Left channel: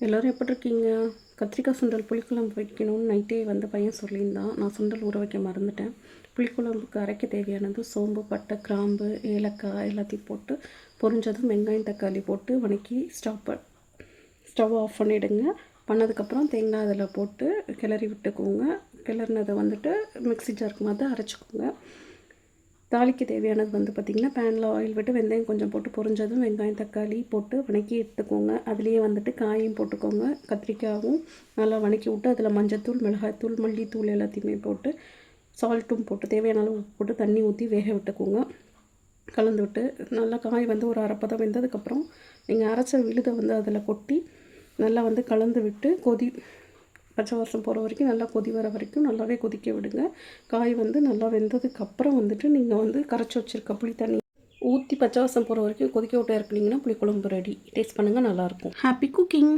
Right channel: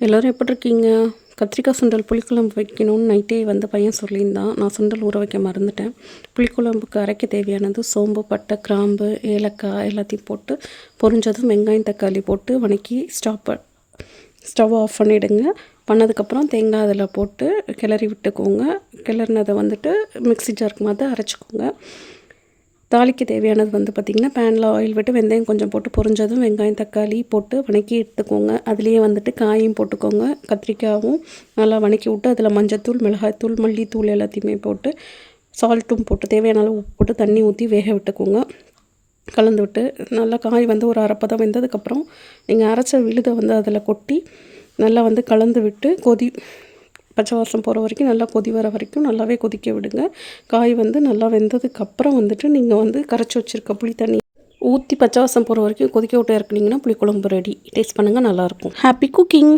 எல்லோரும் எப்படி இருக்கீங்க? கத்திரிக்காய் சுண்டல் புளிக்குழம்பு வைக்கணும்னு நைட்டே பையன் சொல்லியிருந்தான். நான் சுண்டல் ஊற வைக்க மறந்துட்டேன். புளிக்குழம்புக்கு அரைக்க தேவையானது சோம்பு, பட்டை, கிராம்பு, ஏலக்காய் எல்லாத்தையும் போட்டு பொரிஞ்சதும் வெங்காயம், தக்காளி போட்டு வதக்கி ஸ்டவ் ஆஃப் பண்ணிவிடுங்க. பண்ணதுக்கப்புறம் தேங்காய் அதில் போட்டு கிளறி விட்டுக்கோங்க. கிளறினதை மிக்ஸி ஜாருக்கு மாற்ற அரைச்சிக்கோங்க. தாளிக்க தேவையானது பார்த்திங்கன்னா, பேனில் ஆயில் விட்டு வெந்தயம் கொஞ்சம் போட்டு பொரிஞ்சதும் வெங்காயம், தக்காளி போட்டு வதக்கி எடுத்துக்கோங்க. அதுலேயே காயும் போட்டுக்கோங்க. கத்திரிக்காயும் நல்லா வதக்கி விட்டு அதில் மஞ்சத்தூள், மிளகாய்த்தூள், மல்லித்தூள் எல்லாத்தையுமே போட்டு சால்ட்டும் போட்டு தேவையான அளவு உப்பு போட்டு தண்ணி ஊற்றி வேக விட்டுக்கோங்க. கலந்து விட்டு நல்லா காய் ஒரு அரைப்பதம் வெந்ததுக்கப்புறம் நீங்கள் அரைச்ச விழுதை அதில் கொட்டி நல்லா கலந்து விட்டு பச்சை வாசம் போகிற வரைக்கும் நல்லா கொதி வர வரைக்கும் நல்லாவே கொதிக்க விடுங்க. காய் நல்லா வெந்ததுக்கப்புறம் நீங்கள் கரைச்சி வச்சுருக்க புளி தண்ணி ஊற்றி பச்சை வாசம் போகிற வரைக்கும் கொதிக்க விட்டு இறக்குனீங்கன்னா புளிக்குழம்பு ரெடி. டேஸ்ட் பண்ணுங்கள், நல்லாயிருக்கும். Happy cooking.